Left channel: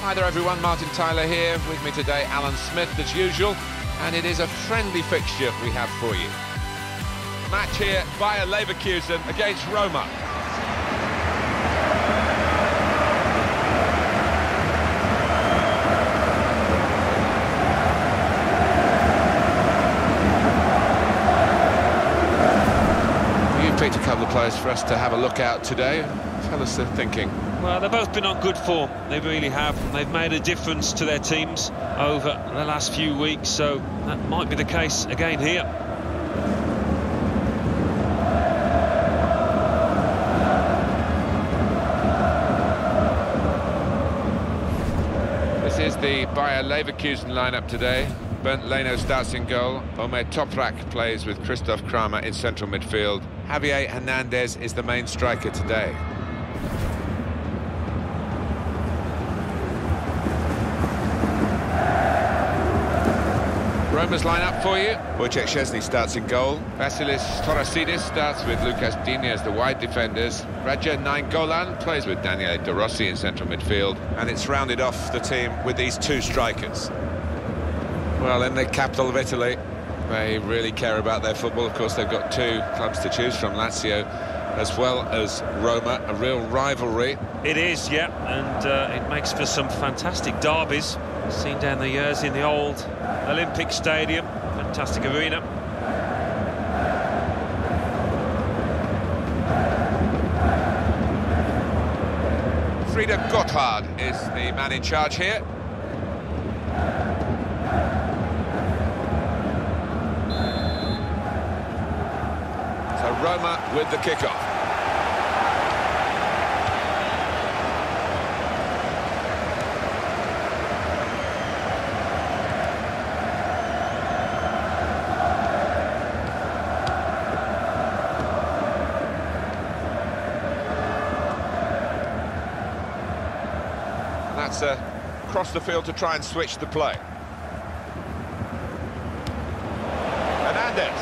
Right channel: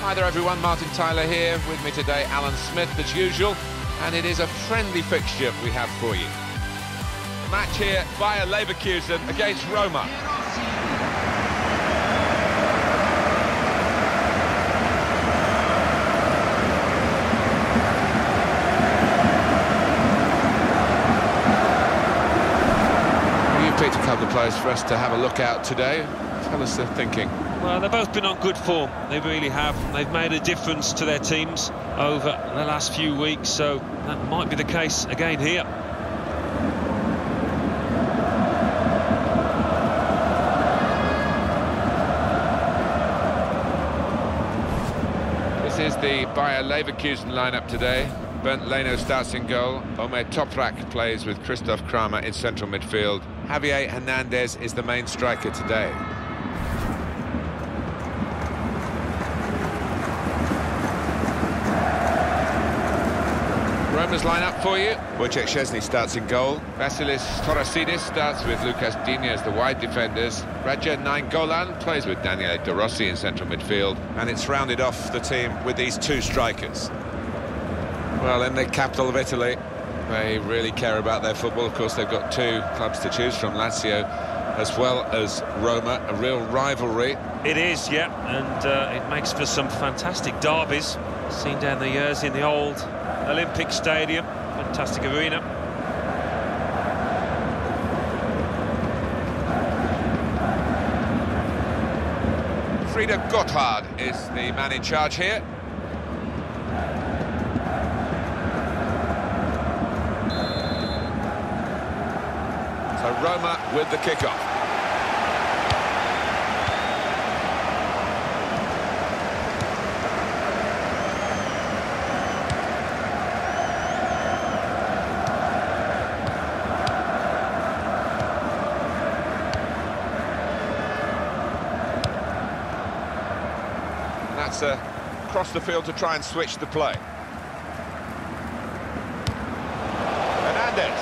Hi there everyone, Martin Tyler here, with me today Alan Smith as usual, and it is a friendly fixture we have for you. The match here, Bayer Leverkusen against Roma. You picked a couple of players for us to have a look at today. Tell us their thinking. Well, they've both been on good form, they really have. They've made a difference to their teams over the last few weeks, so that might be the case again here. This is the Bayer Leverkusen lineup today. Bernd Leno starts in goal. Omer Toprak plays with Christoph Kramer in central midfield. Javier Hernandez is the main striker today. Roma's lineup for you. Wojciech Szczesny starts in goal. Vasilis Torasidis starts with Lucas Digne as the wide defenders. Radja Nainggolan plays with Daniele De Rossi in central midfield. And it's rounded off the team with these two strikers. Well, in the capital of Italy, they really care about their football. Of course, they've got two clubs to choose from, Lazio as well as Roma, a real rivalry. It is, yeah, and it makes for some fantastic derbies. Seen down the years in the old Olympic Stadium, fantastic arena. Frieder Gotthard is the man in charge here. So Roma with the kickoff. That's across the field to try and switch the play. Hernandez.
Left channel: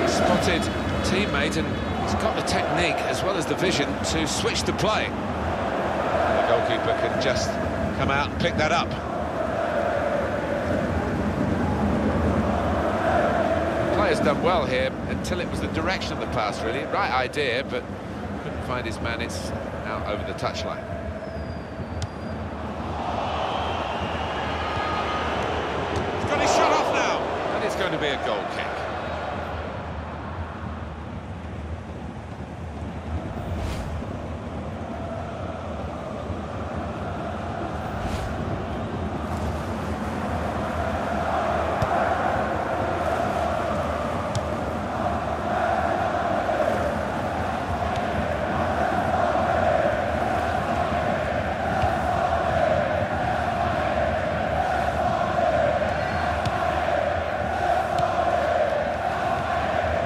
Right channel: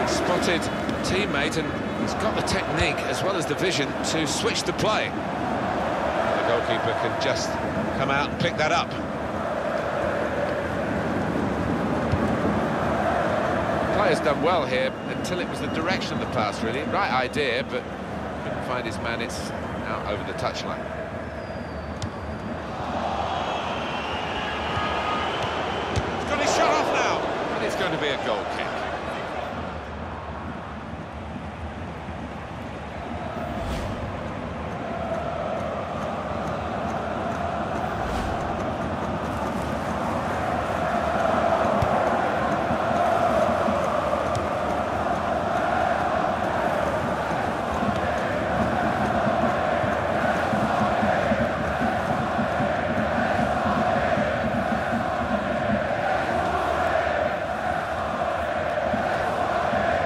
He's spotted a teammate and he's got the technique as well as the vision to switch the play. And the goalkeeper can just come out and pick that up. Player's done well here until it was the direction of the pass, really. Right idea, but couldn't find his man. It's out over the touchline. He's got his shot off now, and it's going to be a goal kick.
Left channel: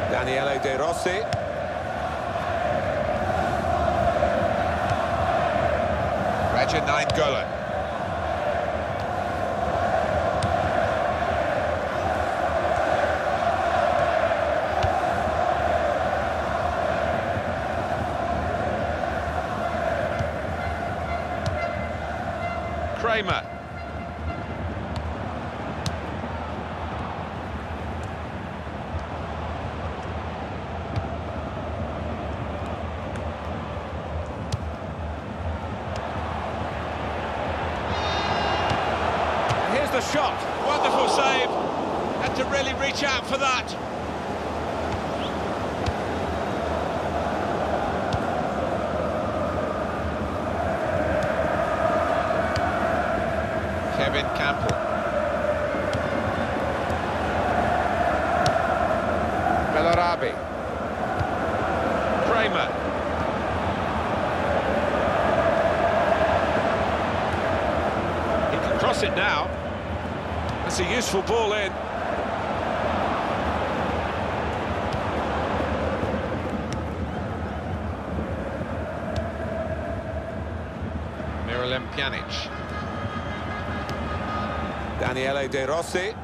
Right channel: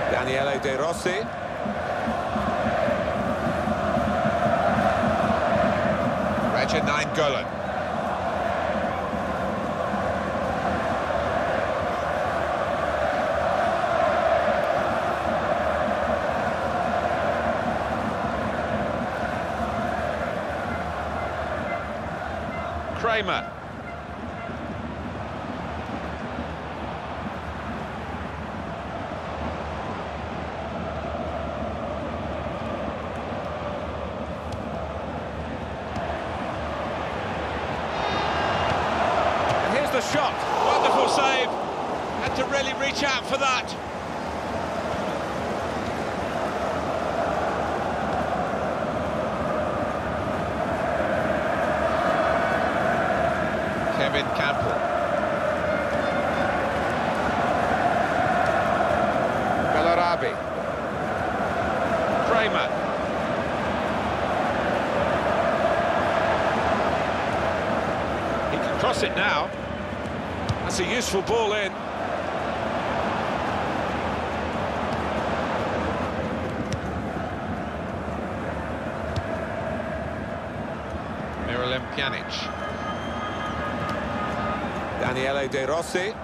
Daniele De Rossi. Radja Nainggolan. Kramer. Here's the shot. Wonderful save. Had to really reach out for that. Kevin Campbell. Bellarabi. Kramer. He can cross it now. That's a useful ball in. Miralem Pjanic. Daniele De Rossi.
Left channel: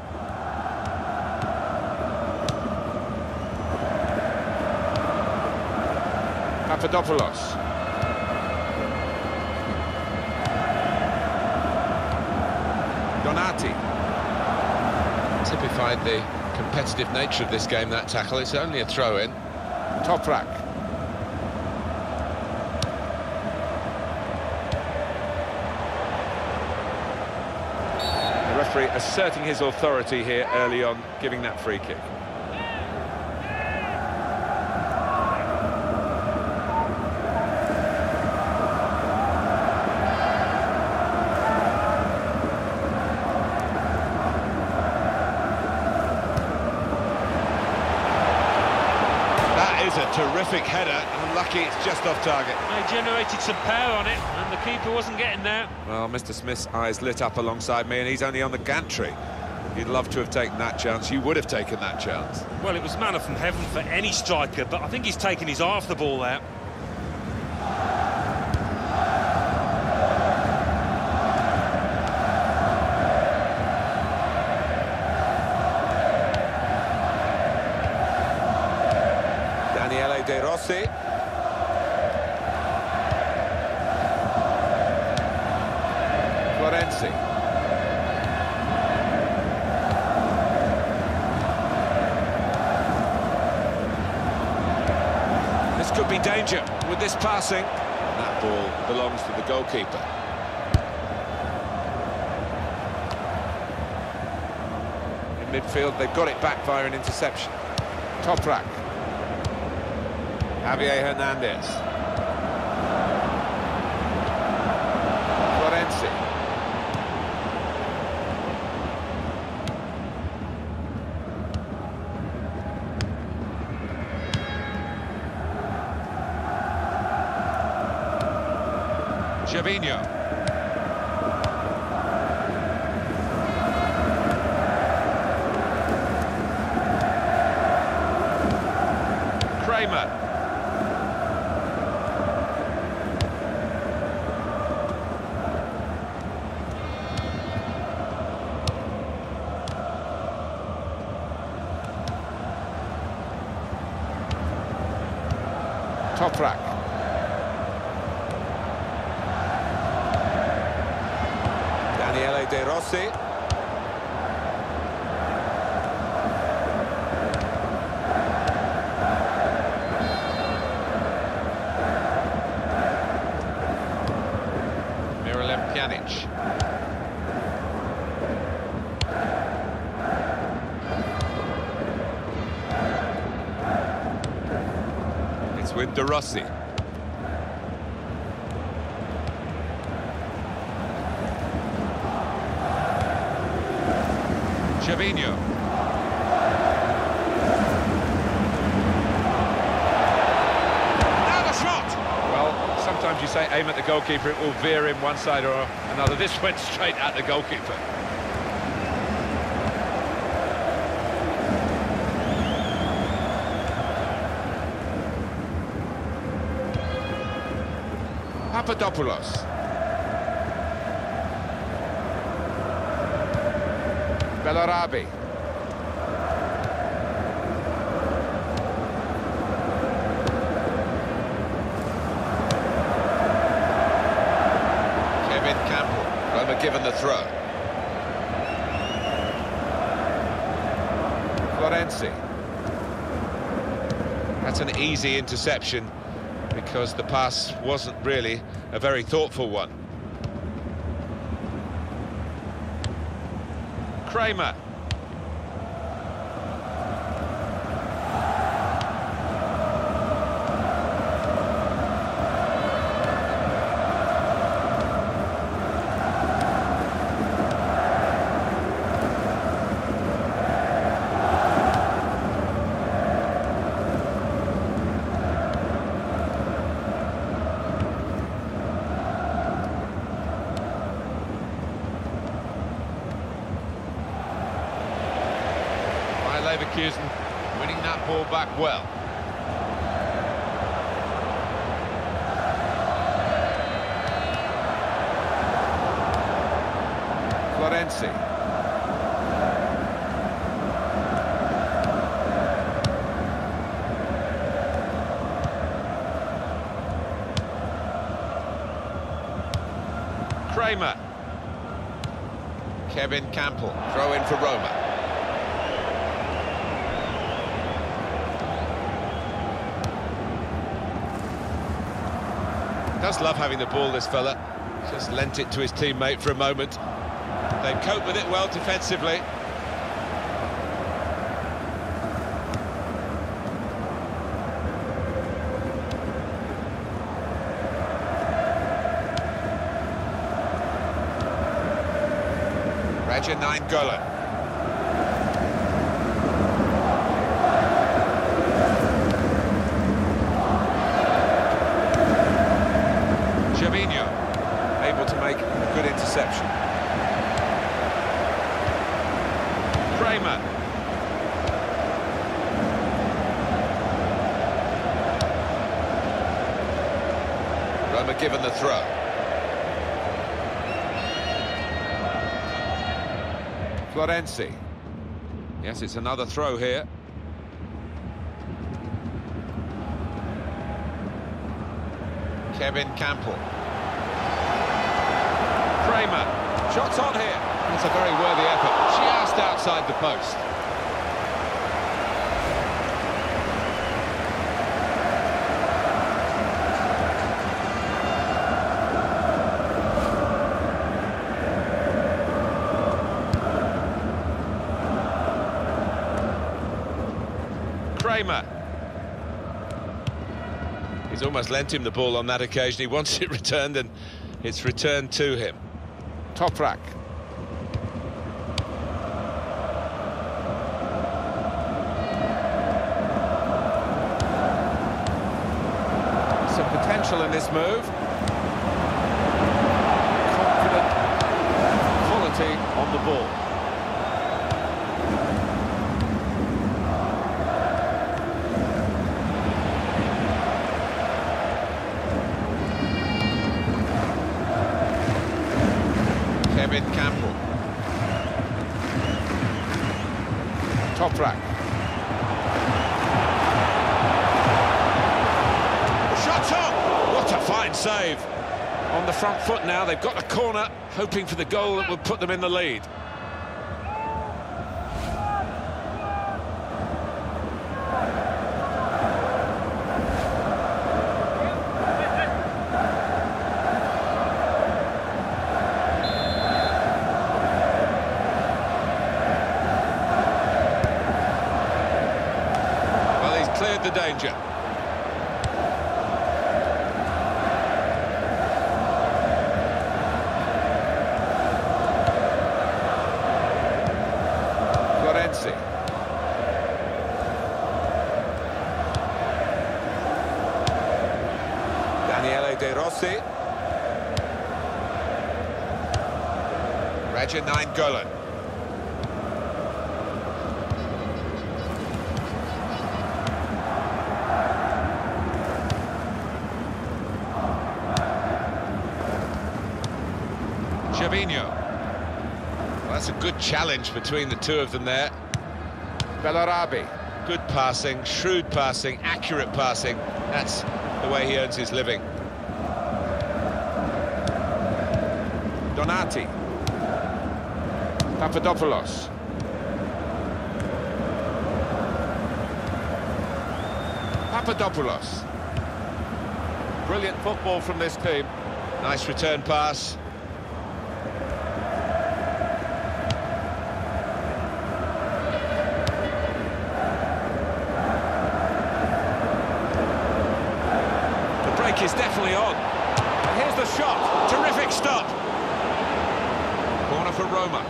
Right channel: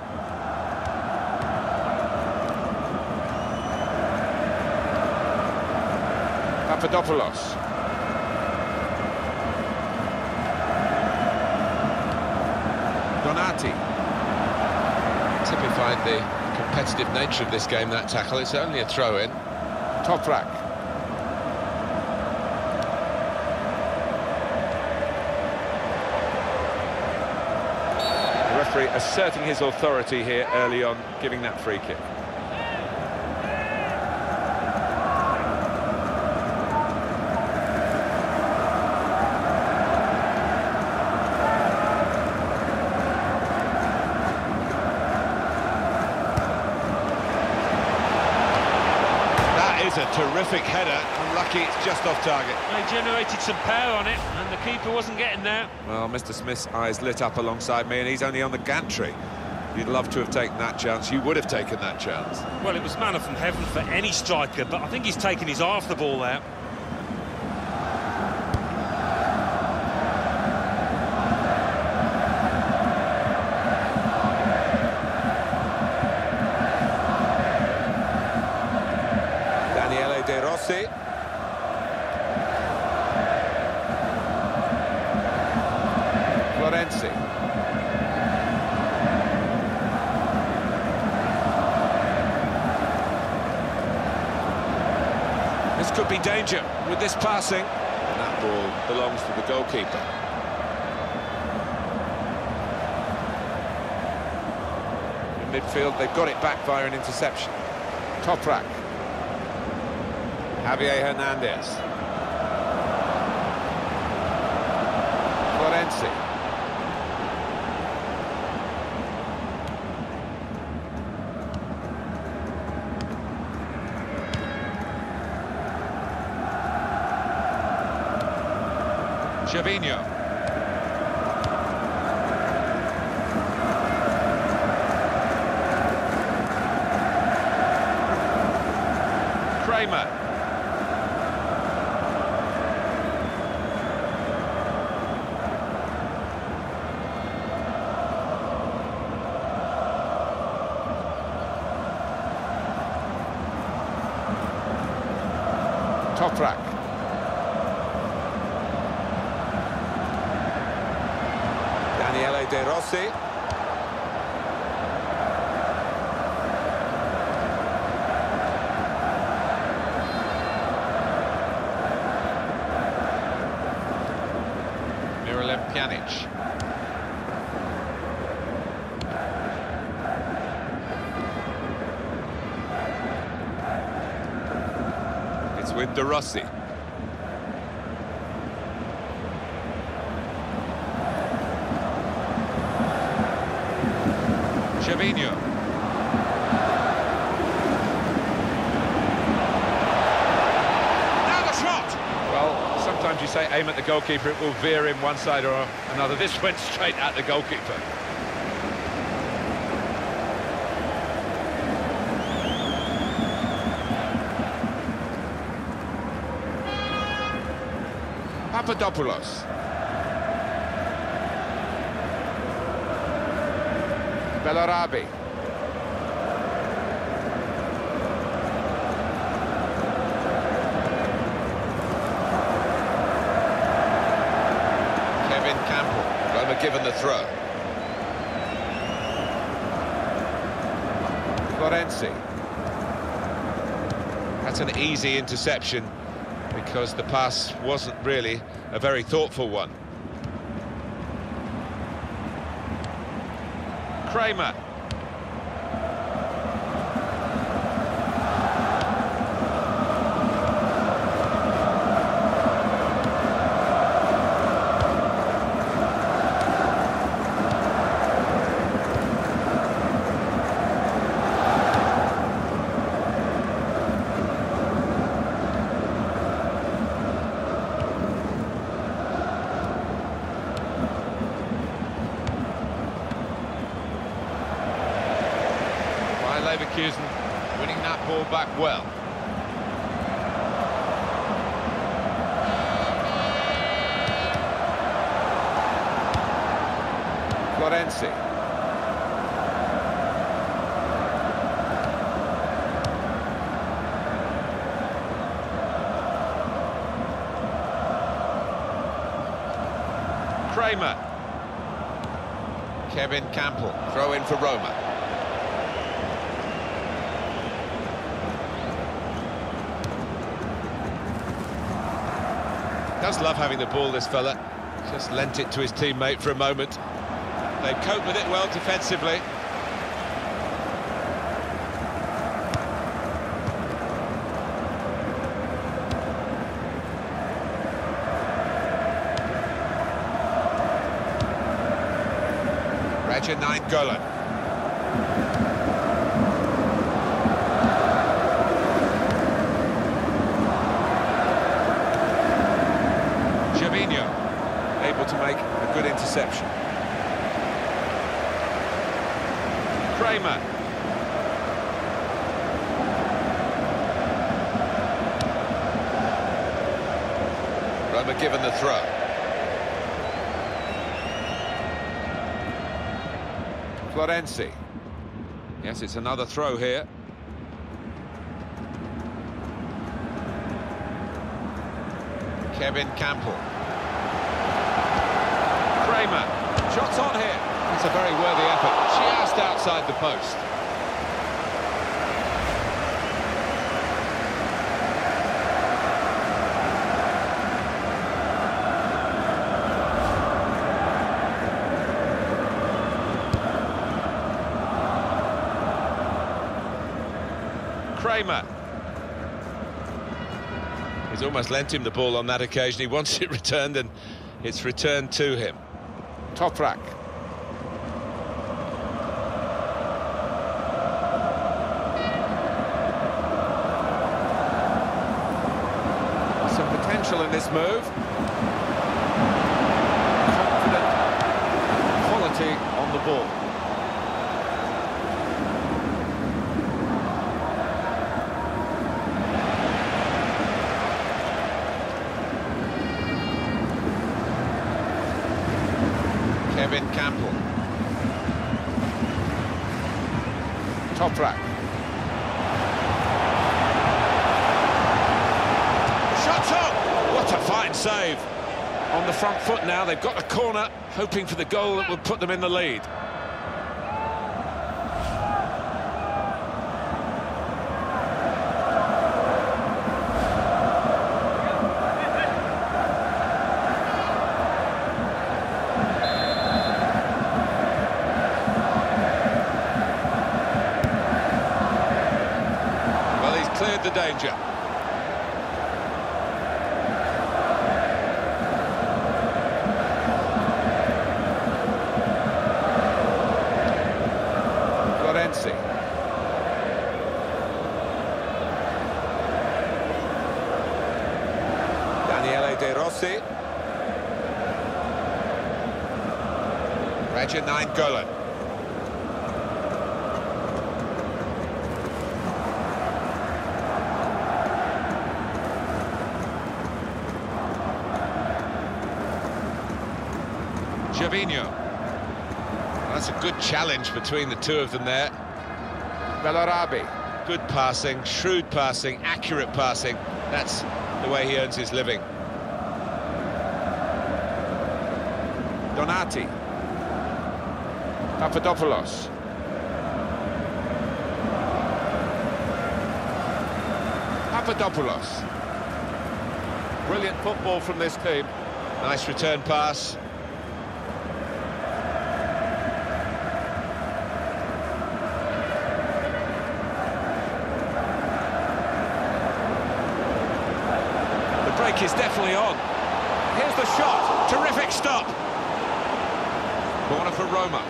Papadopoulos. Donati. Typified the competitive nature of this game, that tackle. It's only a throw-in. Toprak. The referee asserting his authority here early on, giving that free kick. Is a terrific header. Unlucky it's just off target. They generated some power on it, and the keeper wasn't getting there. Well, Mr. Smith's eyes lit up alongside me, and he's only on the gantry. You'd love to have taken that chance. You would have taken that chance. Well, it was manna from heaven for any striker, but I think he's taken his eye off the ball there. Daniele De Rossi. Florenzi. This could be danger with this passing. And that ball belongs to the goalkeeper. In midfield, they've got it back via an interception. Toprak. Javier Hernandez. Florenzi. Gervinho. Kramer. Toprak. Daniele De Rossi. Miralem Pjanic. It's with De Rossi. Gervinho. Now the shot! Well, sometimes you say aim at the goalkeeper, it will veer in one side or another. This went straight at the goalkeeper. Papadopoulos. Bellarabi. Kevin Campbell. Roma given the throw. Florenzi. That's an easy interception because the pass wasn't really a very thoughtful one. Kramer. Leverkusen winning that ball back well. Florenzi. Kramer. Kevin Campbell, throw in for Roma. Does love having the ball, this fella. Just lent it to his teammate for a moment. They cope with it well defensively. Raja Nainggolan. Gervinho, able to make a good interception. Kramer. Roma given the throw. Florenzi. Yes, it's another throw here. Kevin Campbell. Kramer. Shots on here. It's a very worthy effort. Just outside the post. Kramer. He's almost lent him the ball on that occasion. He wants it returned, and it's returned to him. Toprak. Some potential in this move. Confident quality on the ball. Kevin Campbell. Toprak. The shot's on! What a fine save. On the front foot now, they've got the corner, hoping for the goal that will put them in the lead. Cleared the danger. Florenzi. Daniele De Rossi. Raja Nainggolan. Gervinho. Well, that's a good challenge between the two of them there. Bellarabi. Good passing, shrewd passing, accurate passing. That's the way he earns his living. Donati. Papadopoulos. Papadopoulos. Brilliant football from this team. Nice return pass. Break is definitely on. Here's the shot. Terrific stop. Corner for Roma.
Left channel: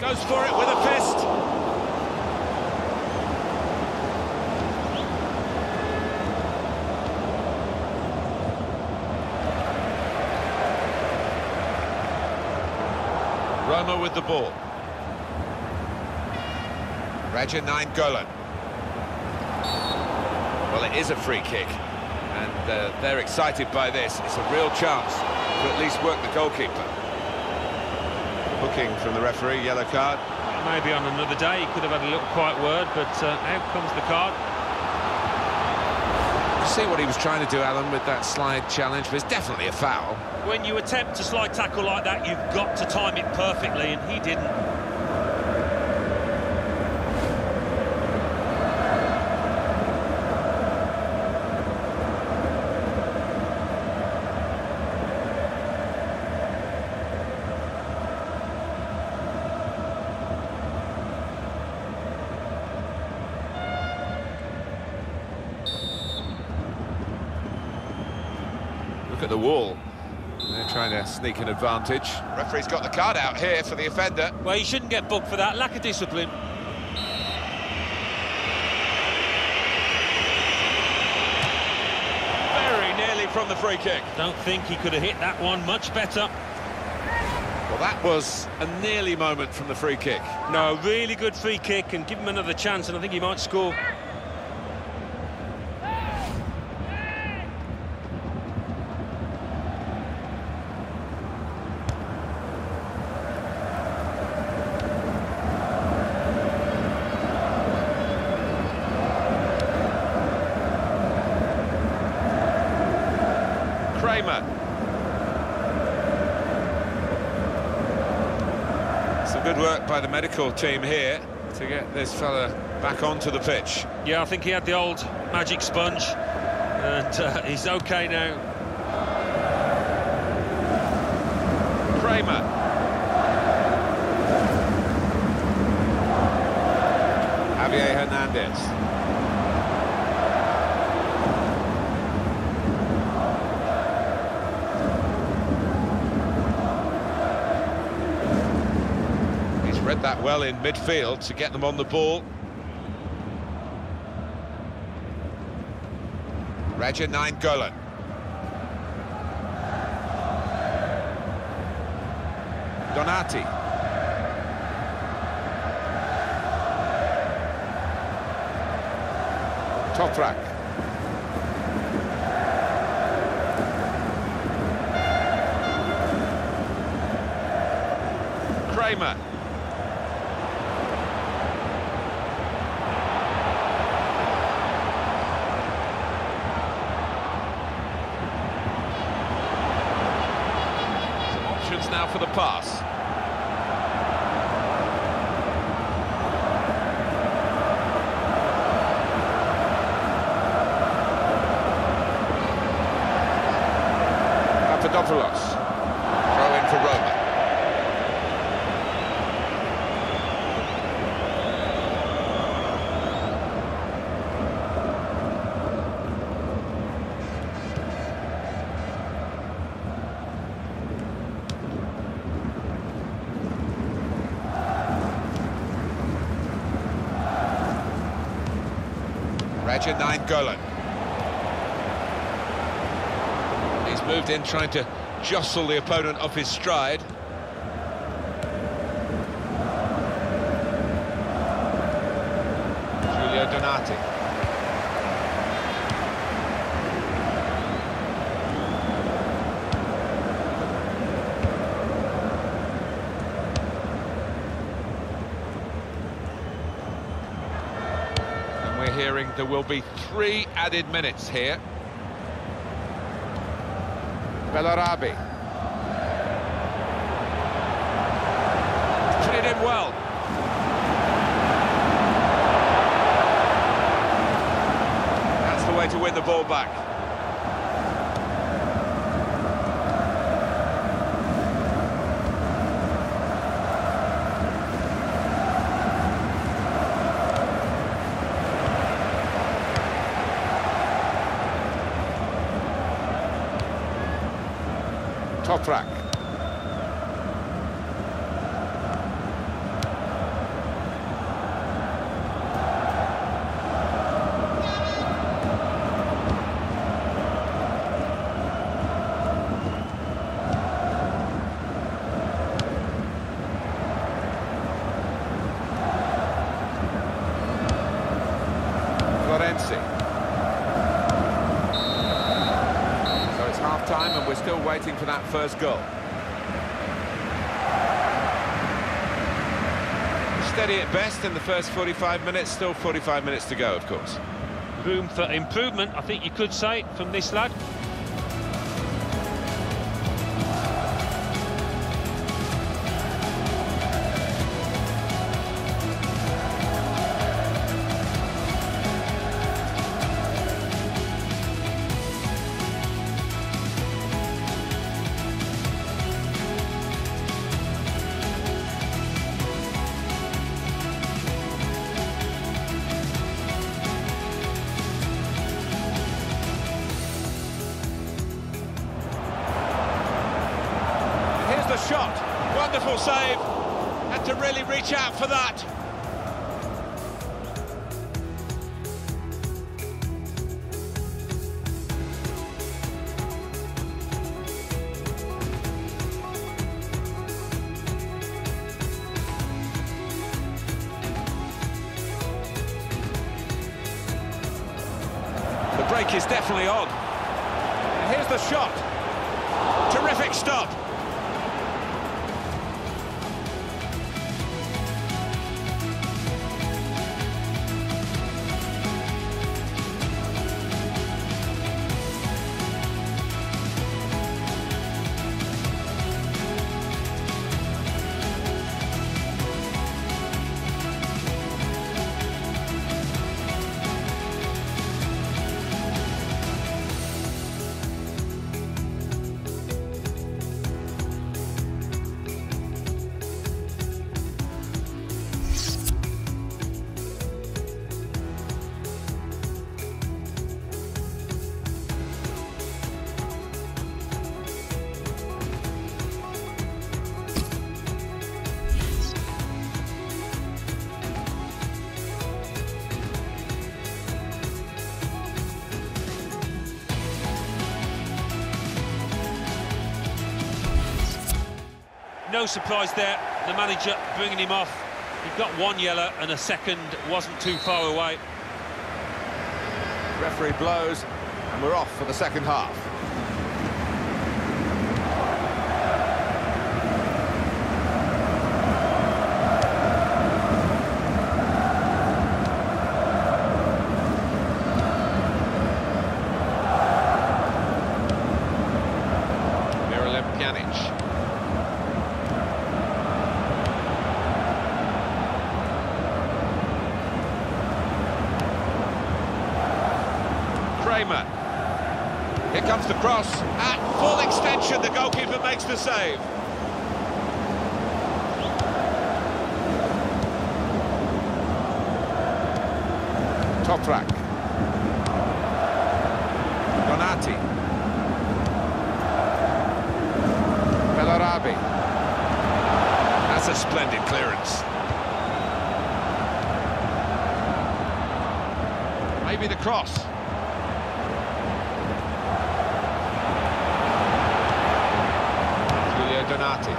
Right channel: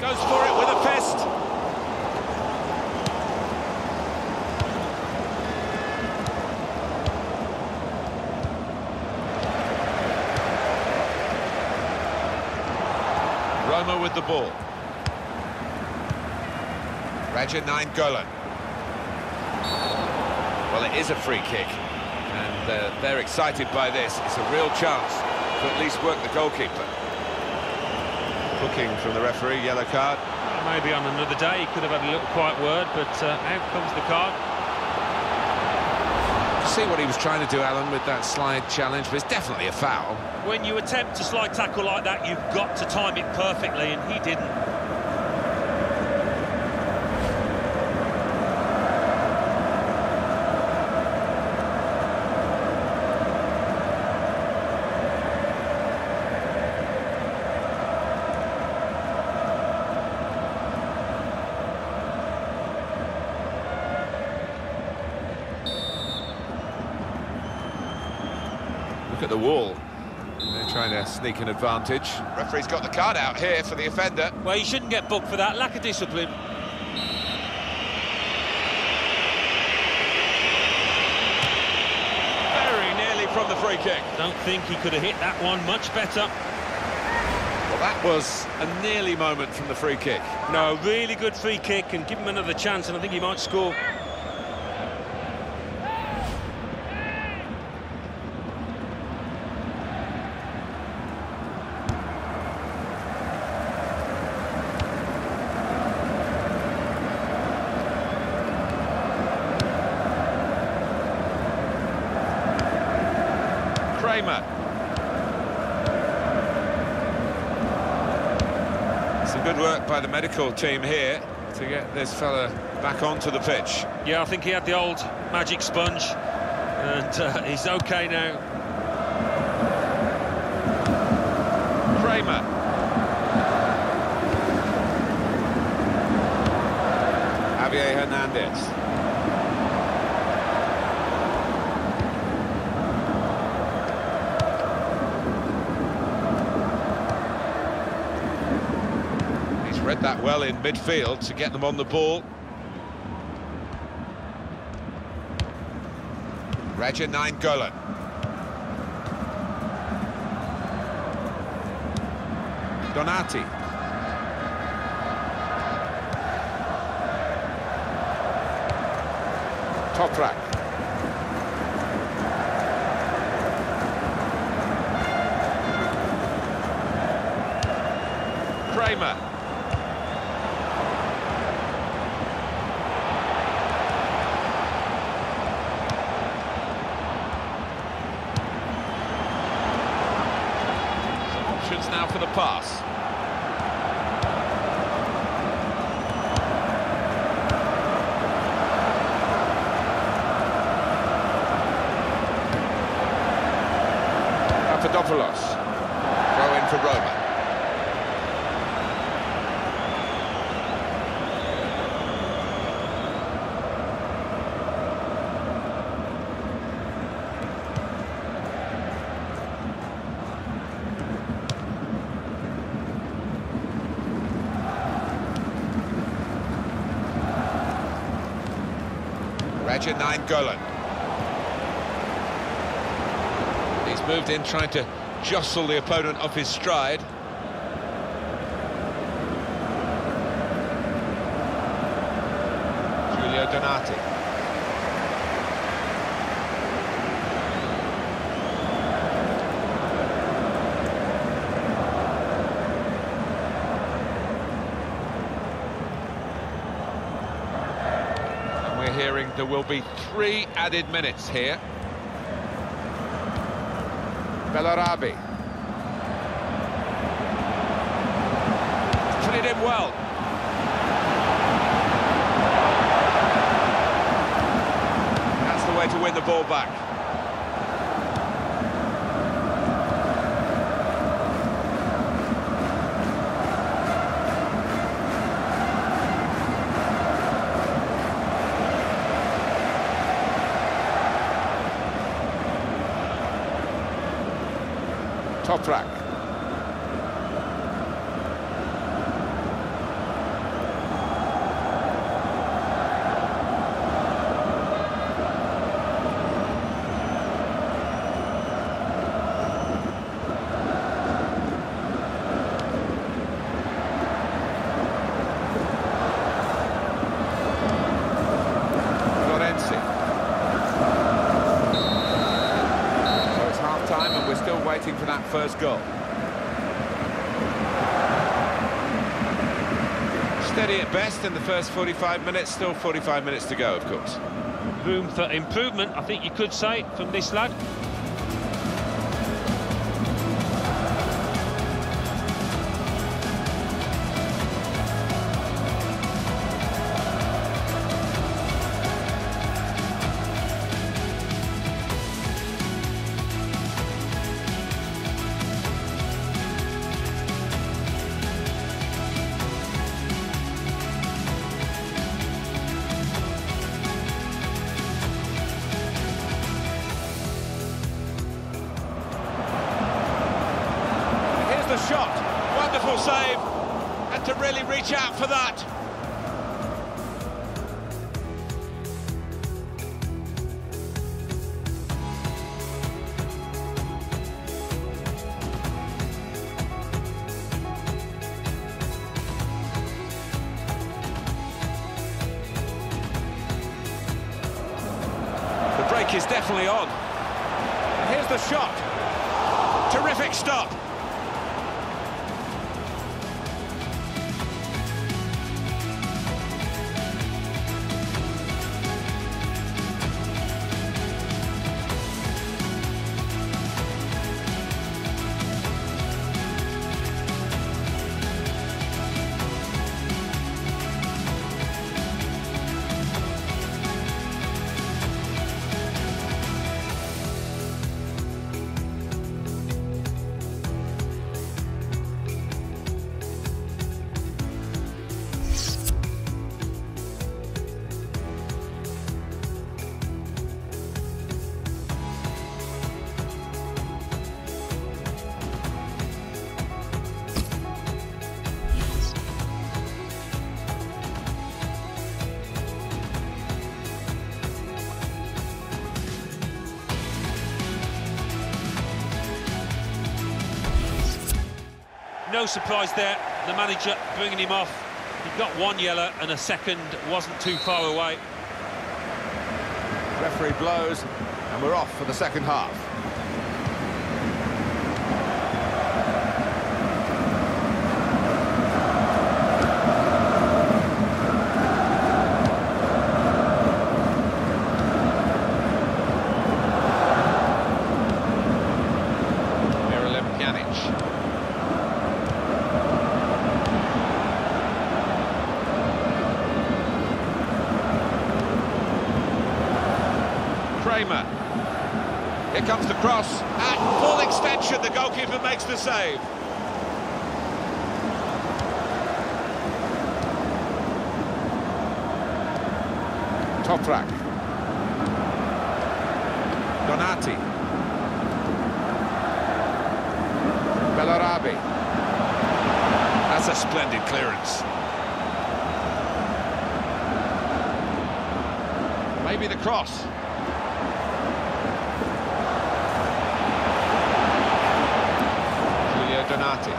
Goes for it with a fist. Roma with the ball. Raja Nainggolan. Well, it is a free kick, and they're excited by this. It's a real chance to at least work the goalkeeper. Booking from the referee, yellow card. Well, maybe on another day he could have had a little quiet word, but out comes the card. See what he was trying to do, Alan, with that slide challenge, but it's definitely a foul. When you attempt a slide tackle like that, you've got to time it perfectly, and he didn't. Look at the wall. They're trying to sneak an advantage. Referee's got the card out here for the offender. Well, you shouldn't get booked for that. Lack of discipline. Very nearly from the free kick. Don't think he could have hit that one much better. Well, that was a nearly moment from the free kick. No, really good free kick, and give him another chance, and I think he might score. Kramer. Some good work by the medical team here to get this fella back onto the pitch. Yeah, I think he had the old magic sponge, and he's okay now. Kramer. Javier Hernandez. Read that well in midfield to get them on the ball. Raja Nainggolan. Donati. Toprak. Kramer. Now for the pass. Papadopoulos. Throw in for Roma. Raja Nainggolan. He's moved in trying to jostle the opponent off his stride. Giulio Donati. We're hearing there will be 3 added minutes here. Bellarabi. Put it in well. That's the way to win the ball back. Toprak. Florenzi. half-time and we're still waiting for that first goal. Steady at best in the first 45 minutes, still 45 minutes to go, of course. Room for improvement, I think you could say, from this lad. Here's the shot. Wonderful save. Had to really reach out for that. The break is definitely on. Here's the shot. Terrific stop. No surprise there, the manager bringing him off. He got one yellow and a second wasn't too far away. Referee blows and we're off for the second half. Miralem Pjanic. Kramer. Here comes the cross. At full extension, the goalkeeper makes the save. Toprak. Donati. Bellarabi. That's a splendid clearance. Maybe the cross. Donati.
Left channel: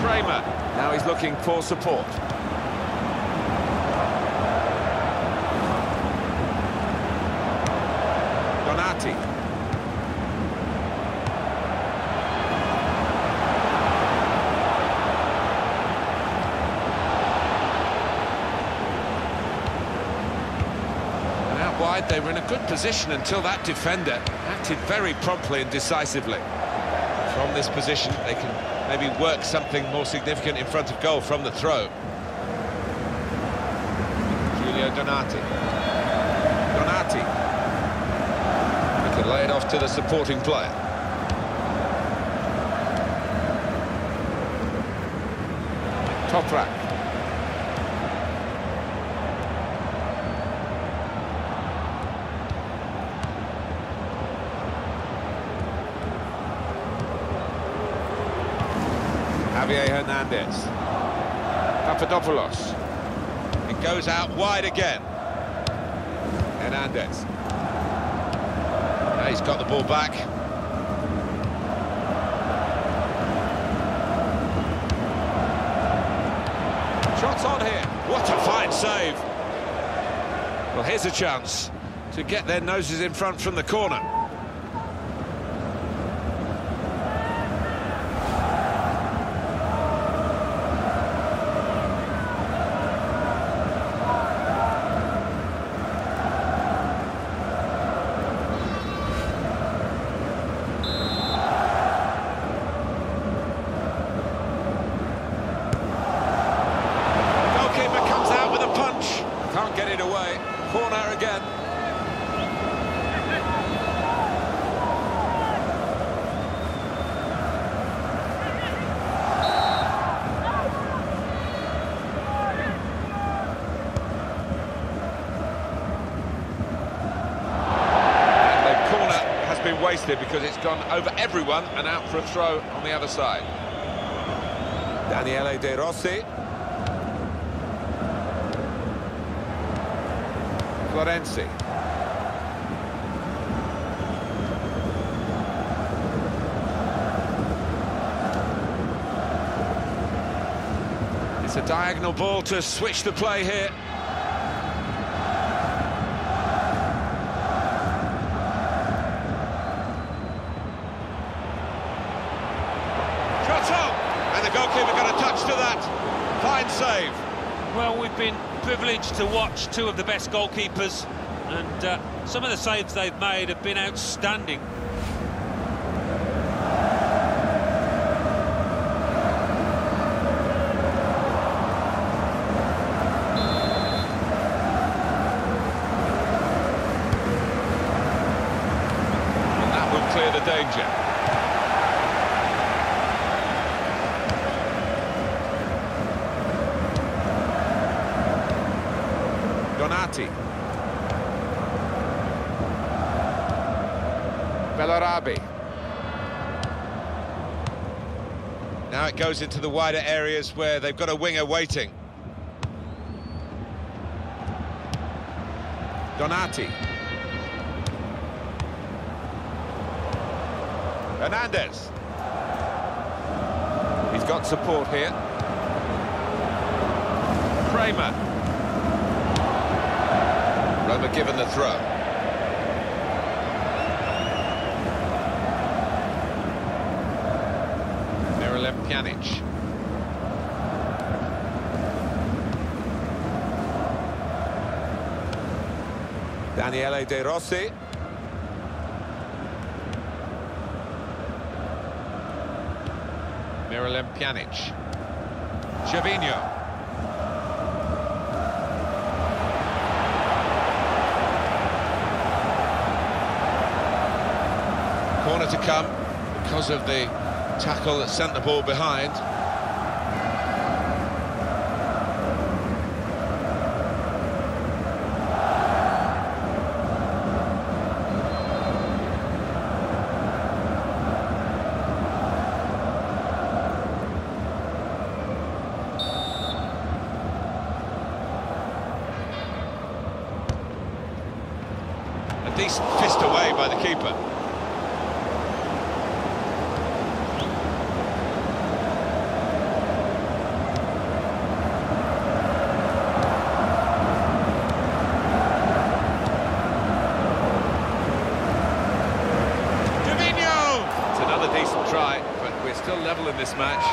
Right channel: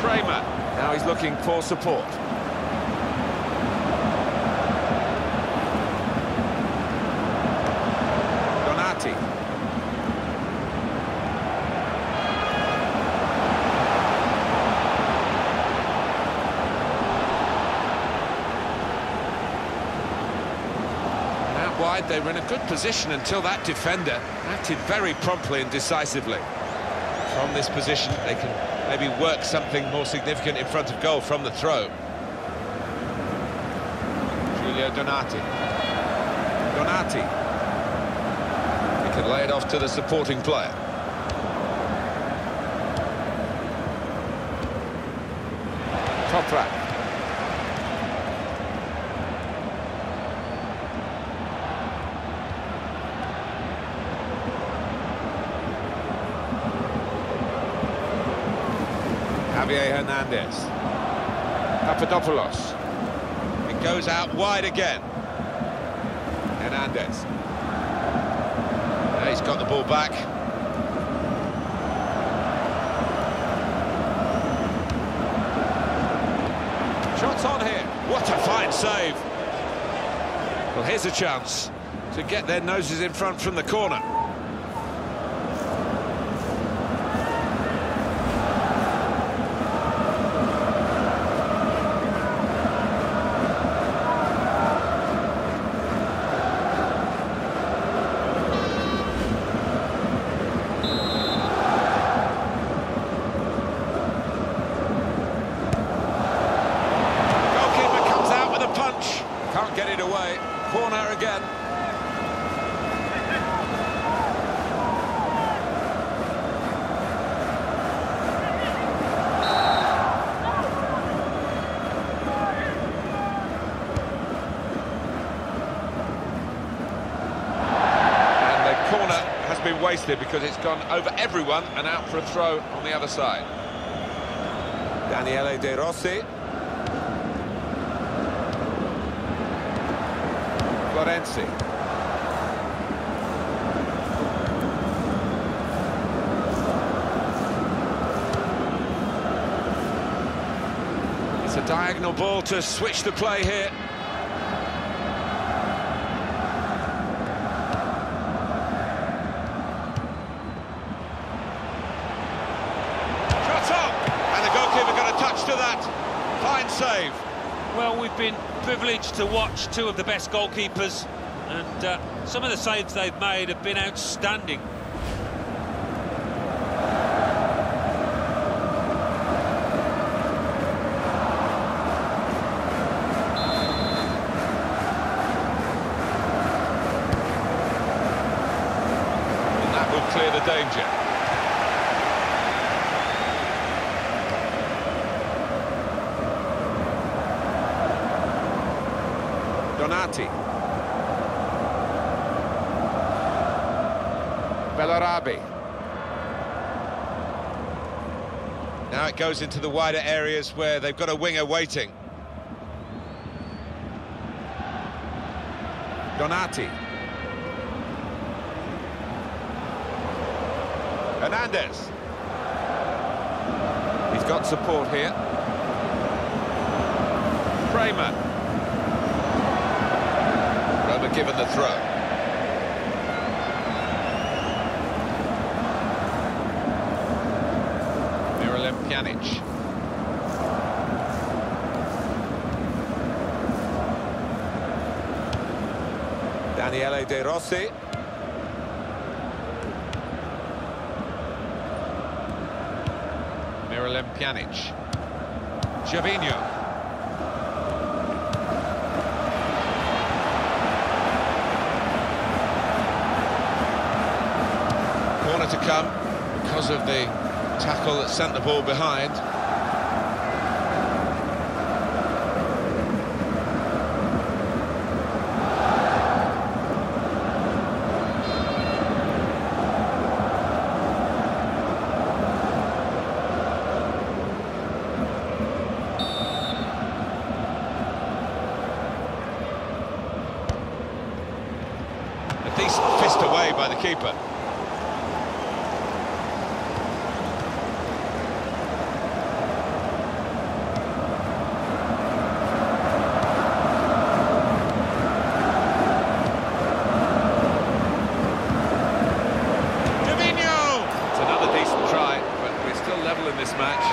Kramer. Now he's looking for support. Donati. Wide, they were in a good position until that defender acted very promptly and decisively. From this position, they can maybe work something more significant in front of goal from the throw. Giulio Donati. Donati. He can lay it off to the supporting player. Toprak. Javier Hernandez. Papadopoulos. It goes out wide again. Hernandez. Now he's got the ball back. Shots on here. What a fine save. Well, here's a chance. to get their noses in front from the corner. Punch, can't get it away. Corner again. And the corner has been wasted because it's gone over everyone and out for a throw on the other side. Daniele De Rossi. Florenzi. It's a diagonal ball to switch the play here. Shot on! And the goalkeeper got a touch to that. Fine save. Well, we've been privileged to watch two of the best goalkeepers, and some of the saves they've made have been outstanding. And that will clear the danger. Donati. Bellarabi. Now it goes into the wider areas where they've got a winger waiting. Donati. Hernandez. He's got support here. Kramer. Roma given the throw. Miralem Pjanic. Daniele De Rossi. Miralem Pjanic. Gervinho. Corner to come because of the tackle that sent the ball behind. A decent fist away by the keeper. Another decent try, but we're still level in this match.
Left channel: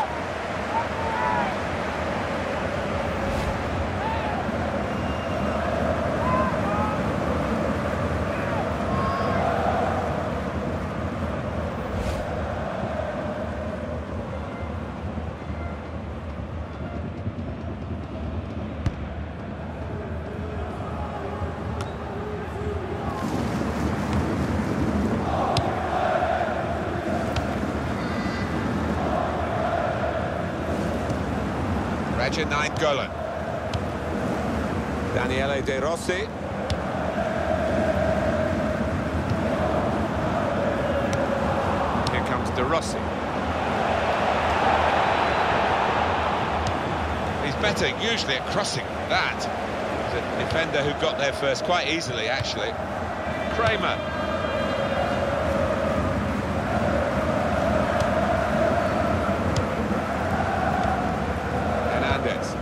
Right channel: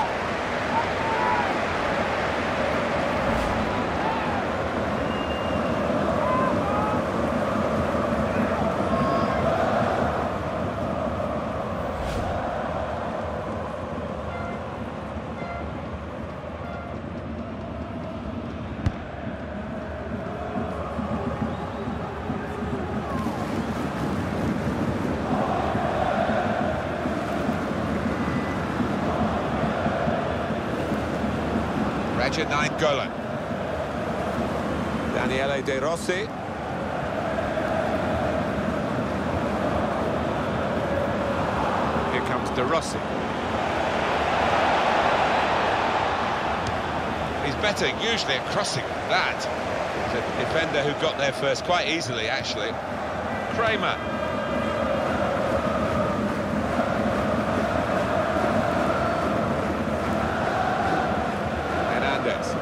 Raja Nainggolan. Daniele De Rossi. Here comes De Rossi. He's better usually at crossing than that. He's a defender who got there first quite easily, actually. Kramer. Hernandez.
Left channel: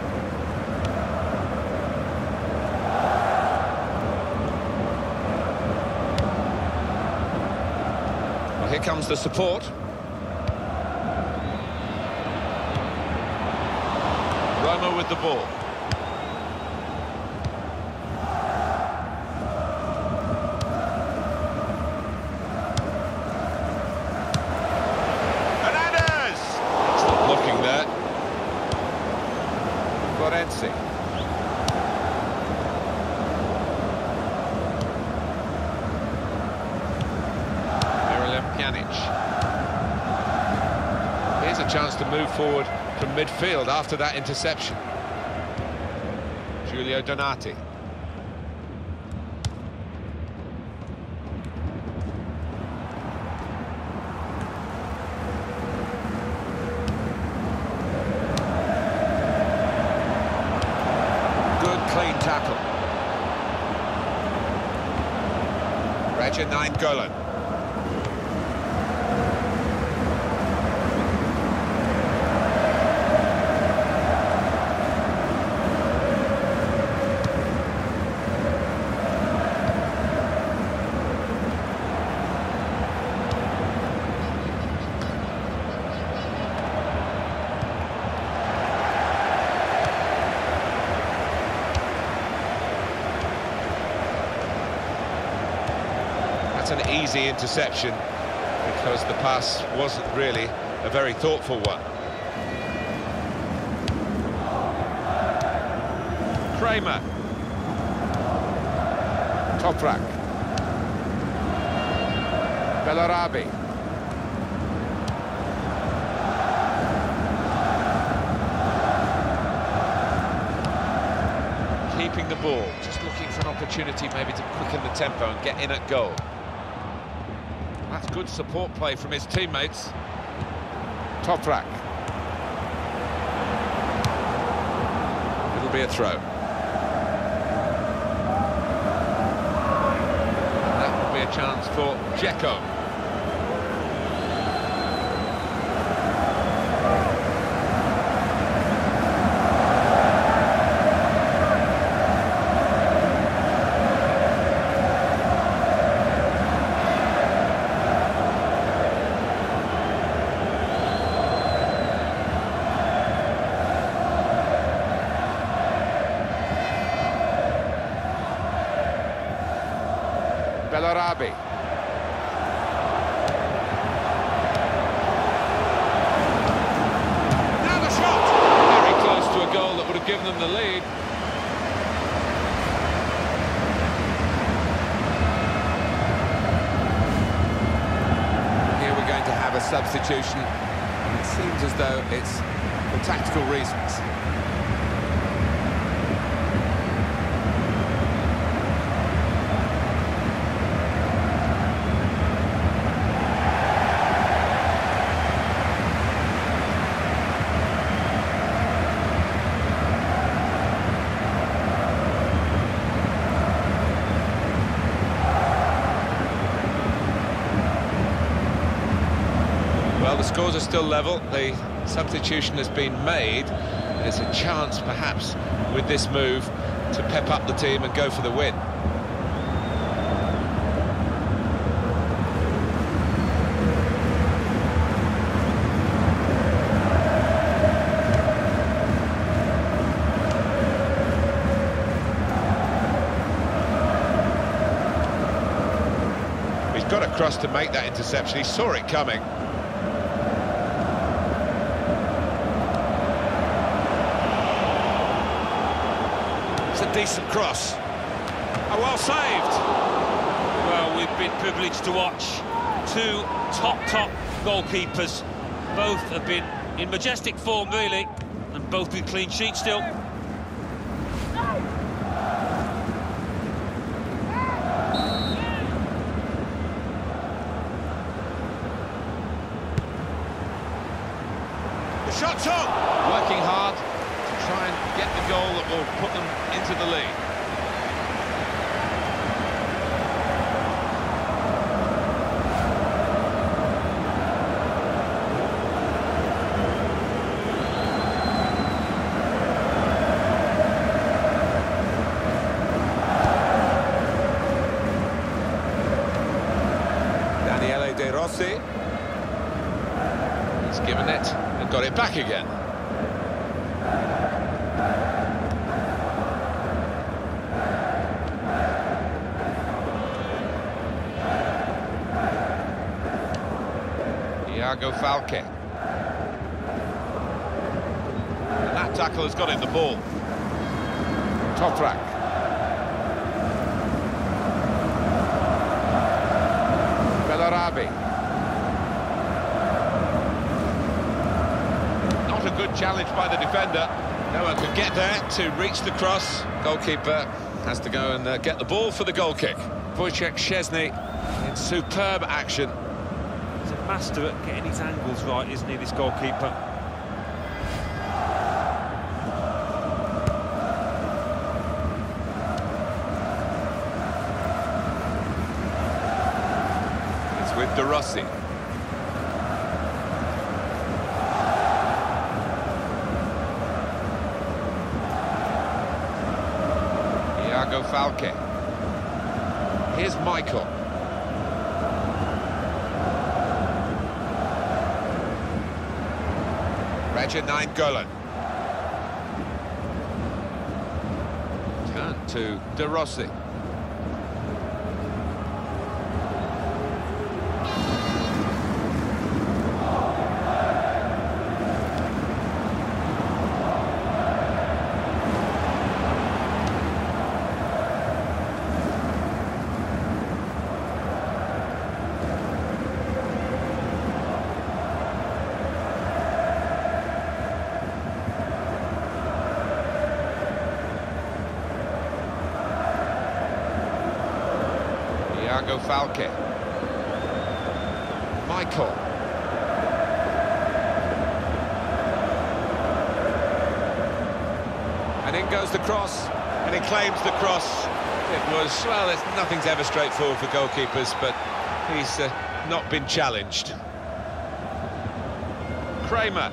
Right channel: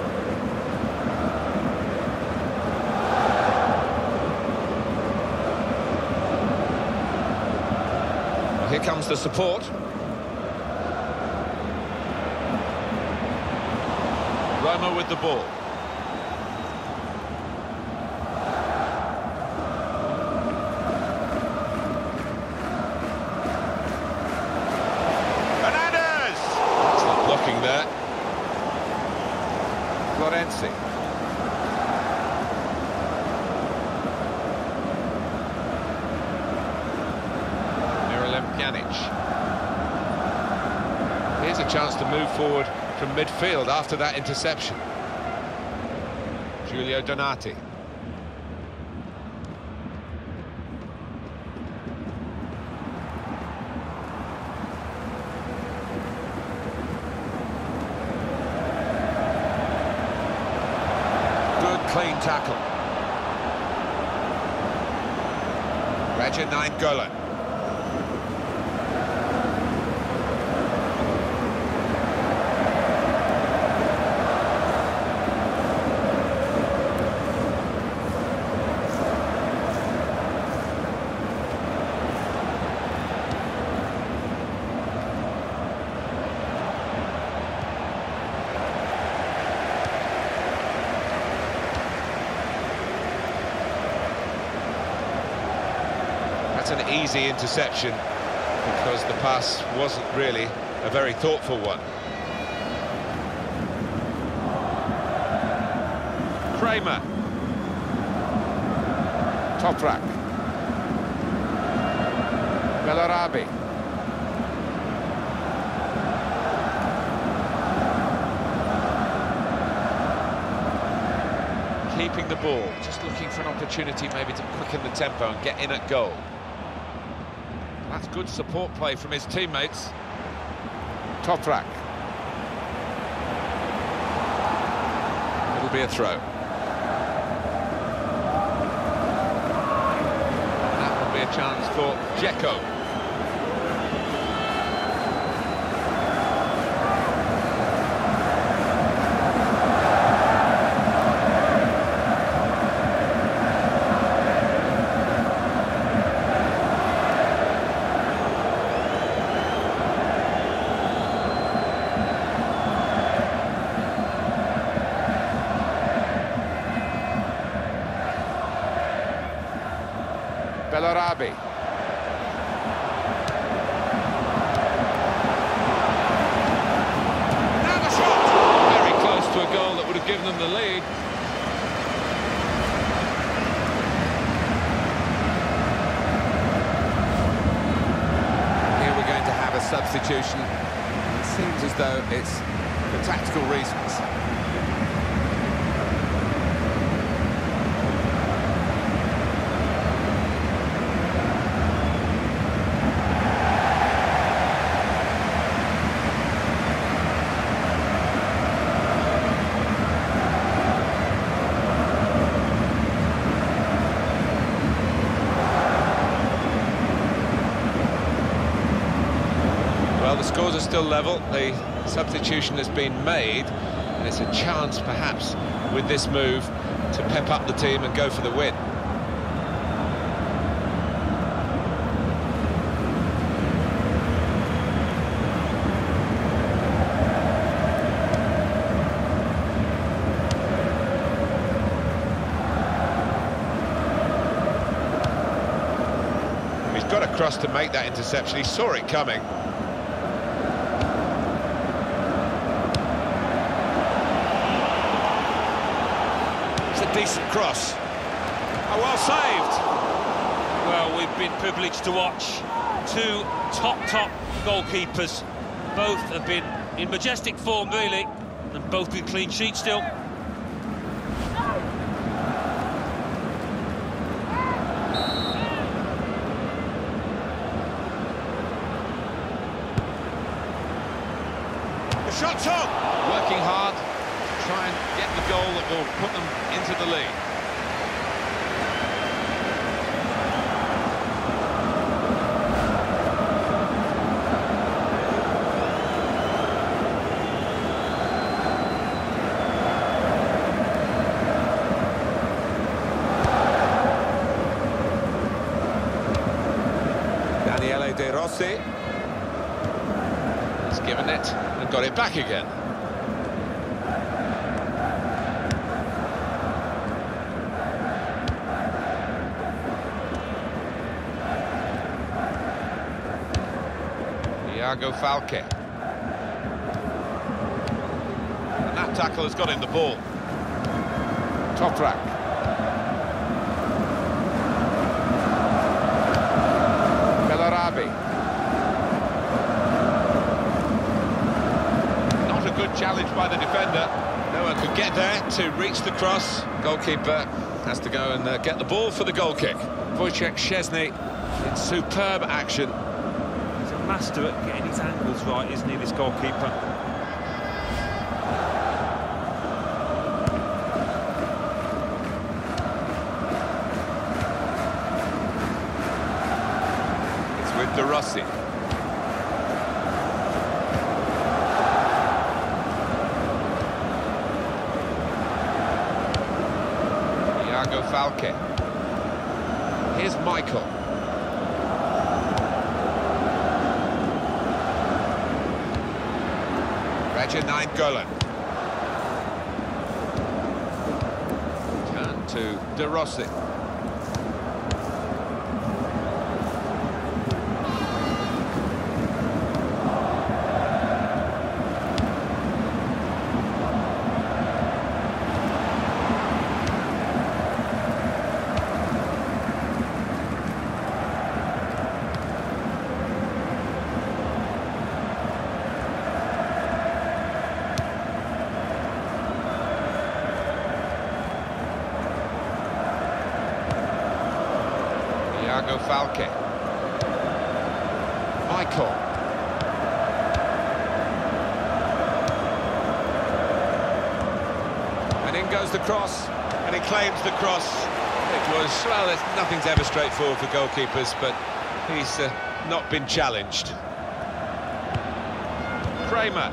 Here comes the support. Roma with the ball. Hernandez! Excellent blocking there. Florenzi. Miralem Pjanic. Here's a chance to move forward from midfield after that interception. Giulio Donati. Good clean tackle. Radja Nainggolan. That's an easy interception because the pass wasn't really a very thoughtful one. Kramer. Toprak. Bellarabi. Keeping the ball, just looking for an opportunity maybe to quicken the tempo and get in at goal. That's good support play from his teammates. Toprak. It'll be a throw. And that will be a chance for Dzeko. Bellarabi. Now the shot! Very close to a goal that would have given them the lead. Here we're going to have a substitution, and it seems as though it's for tactical reasons. Well, the scores are still level. The substitution has been made, and it's a chance, perhaps, with this move, to pep up the team and go for the win. He's got across to make that interception. He saw it coming. It's a decent cross. Oh, well saved. Well, we've been privileged to watch two top goalkeepers. Both have been in majestic form, really, and both with clean sheets still. The shot's on! Working hard to try and get the goal that will put them into the lead. Dani Daniele De Rossi. He's given it and got it back again. Thiago Falque. And that tackle has got him the ball. Toprak. Bellarabi. Not a good challenge by the defender. No one could get there to reach the cross. Goalkeeper has to go and get the ball for the goal kick. Wojciech Szczesny in superb action. He's a master at getting his angles right, isn't he, this goalkeeper? It's with De Rossi. Thiago Falque. Here's Michael. Raja Nainggolan. Turn to De Rossi. Thiago Falque. Michael. And in goes the cross, and he claims the cross. It was, well, nothing's ever straightforward for goalkeepers, but he's not been challenged. Kramer.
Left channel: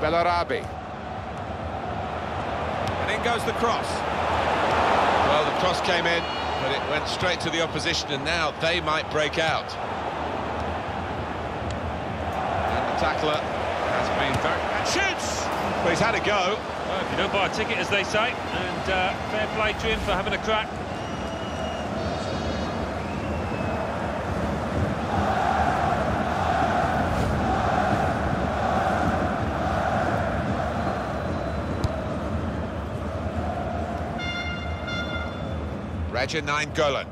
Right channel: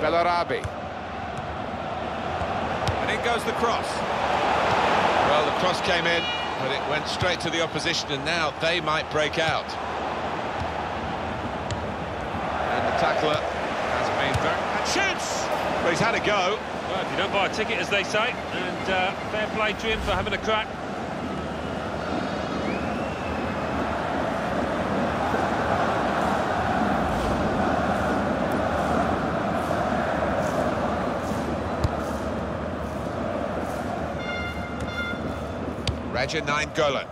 Bellarabi. And in goes the cross. Well, the cross came in, but it went straight to the opposition, and now they might break out. And the tackler has been very... And shoots! Well, he's had a go. Well, if you don't buy a ticket, as they say, and fair play to him for having a crack. Raja Nainggolan.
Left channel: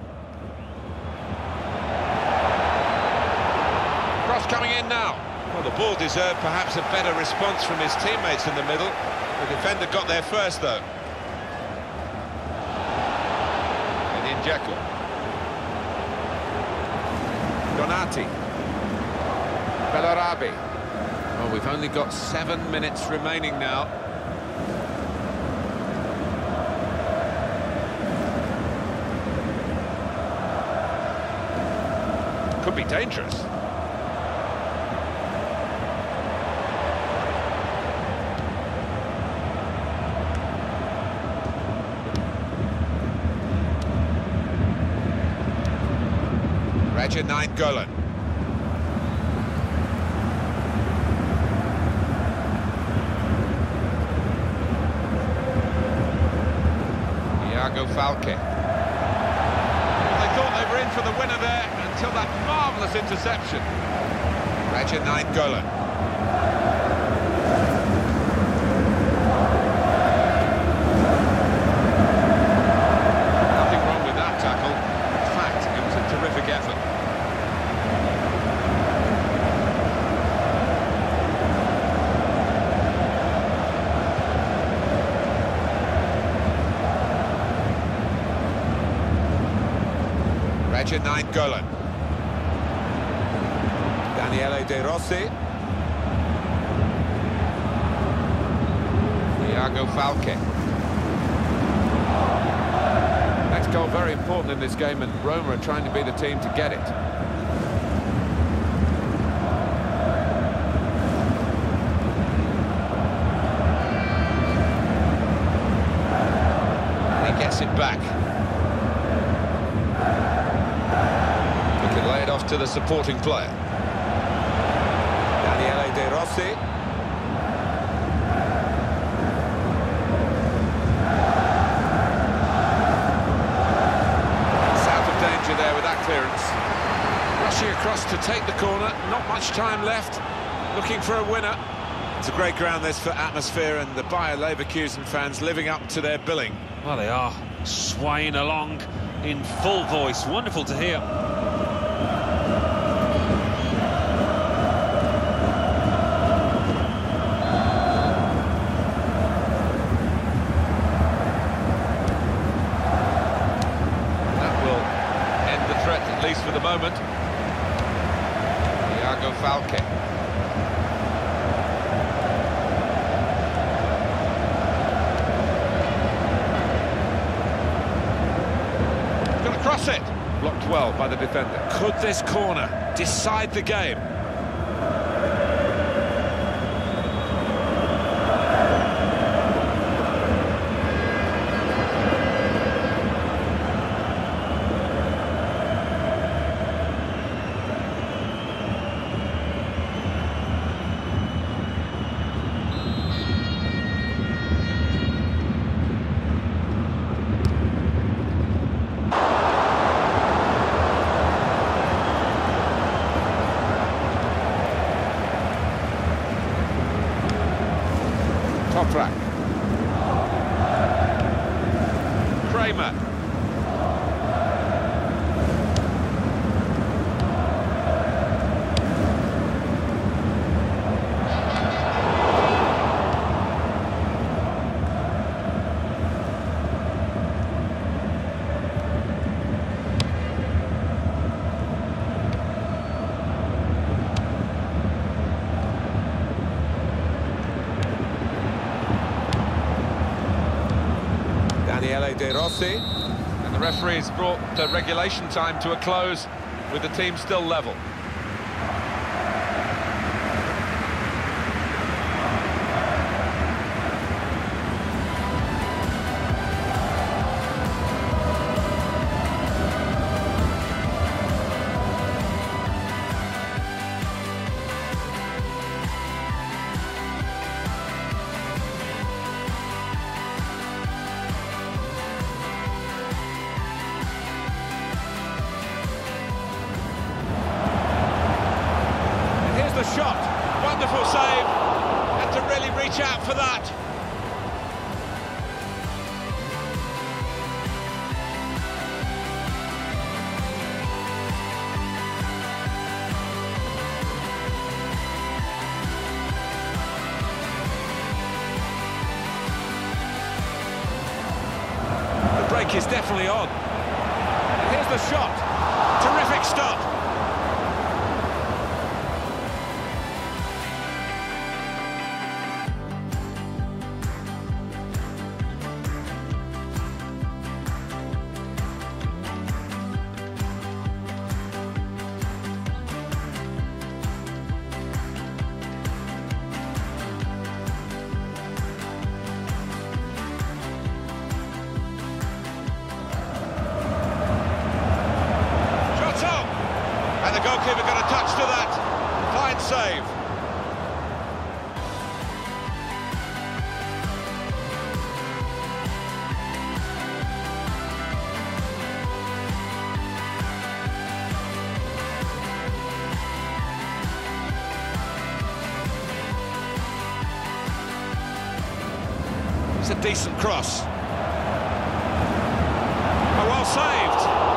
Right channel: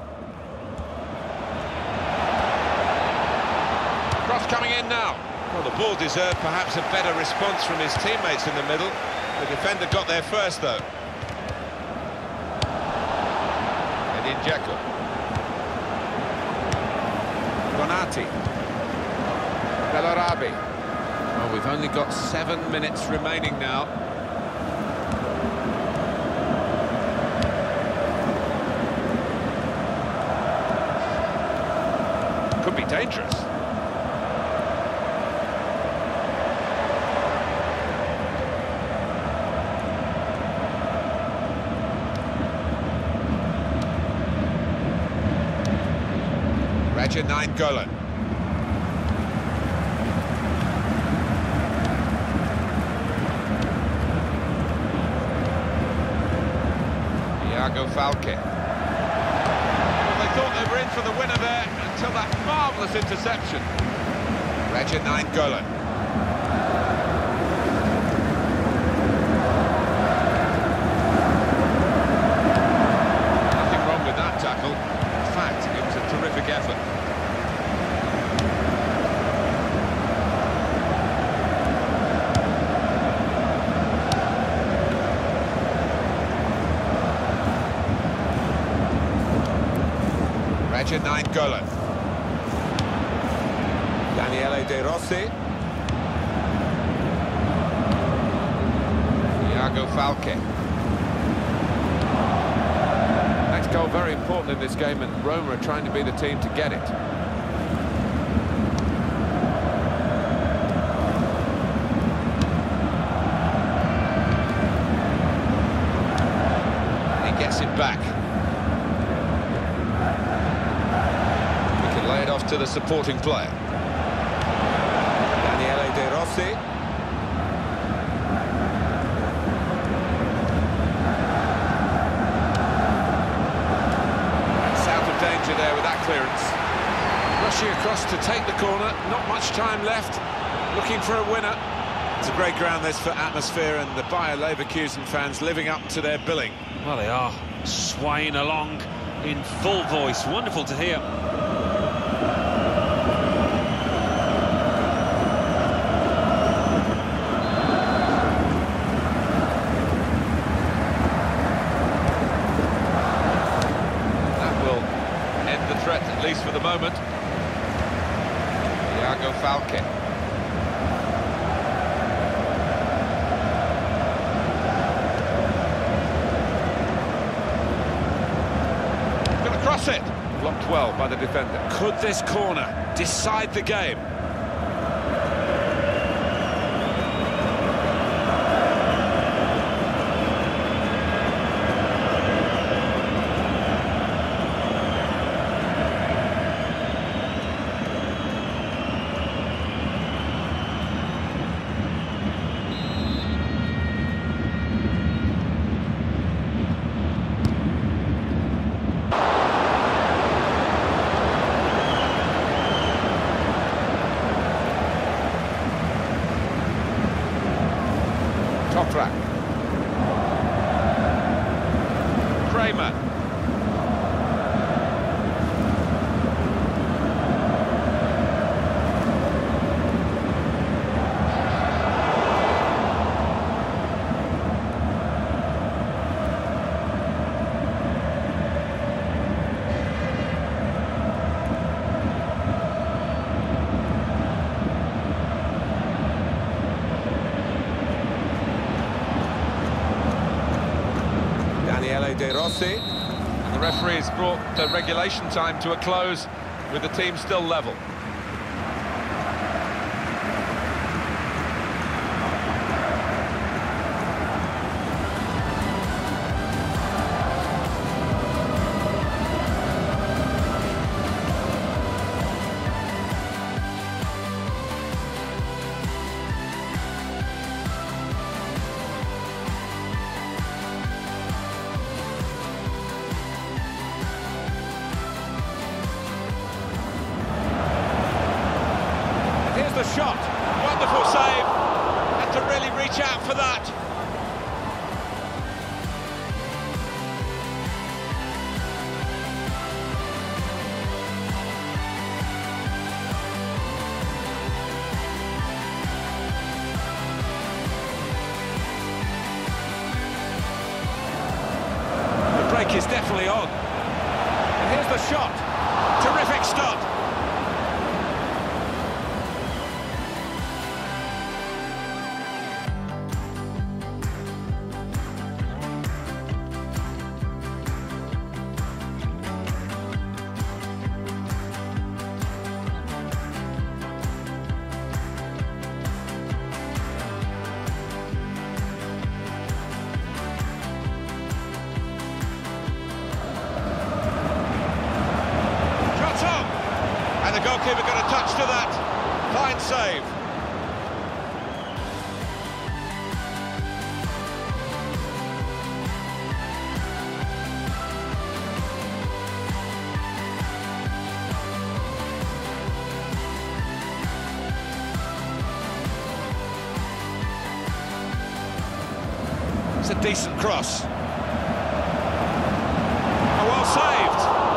Cross coming in now. Well, the ball deserved perhaps a better response from his teammates in the middle. The defender got there first, though. Edin Dzeko. Donati. Bellarabi. Well, we've only got 7 minutes remaining now. Could be dangerous. Raja Nainggolan. Thiago Falque. Well, they thought they were in for the winner there until that marvellous interception. Raja Nainggolan. Nothing wrong with that tackle. In fact, it was a terrific effort. Raja Nainggolan. Daniele De Rossi. Thiago Falque. Next goal very important in this game, and Roma are trying to be the team to get it. And he gets it back. off to the supporting player. Daniele De Rossi. That's out of danger there with that clearance. Rushing across to take the corner, not much time left, looking for a winner. It's a great ground this for atmosphere, and the Bayer Leverkusen fans living up to their billing. Well, they are swaying along in full voice. Wonderful to hear. That will end the threat, at least for the moment. Thiago Falque. Gonna cross it. Blocked well by the defender. Could this corner decide the game? Toprak. Kramer. Daniele De Rossi. And the referee's brought the regulation time to a close with the team still level. Here's the shot. Wonderful save. Had to really reach out for that. The break is definitely on. And here's the shot. Terrific stop. And the goalkeeper got a touch to that. Fine save. It's a decent cross. Oh, well saved.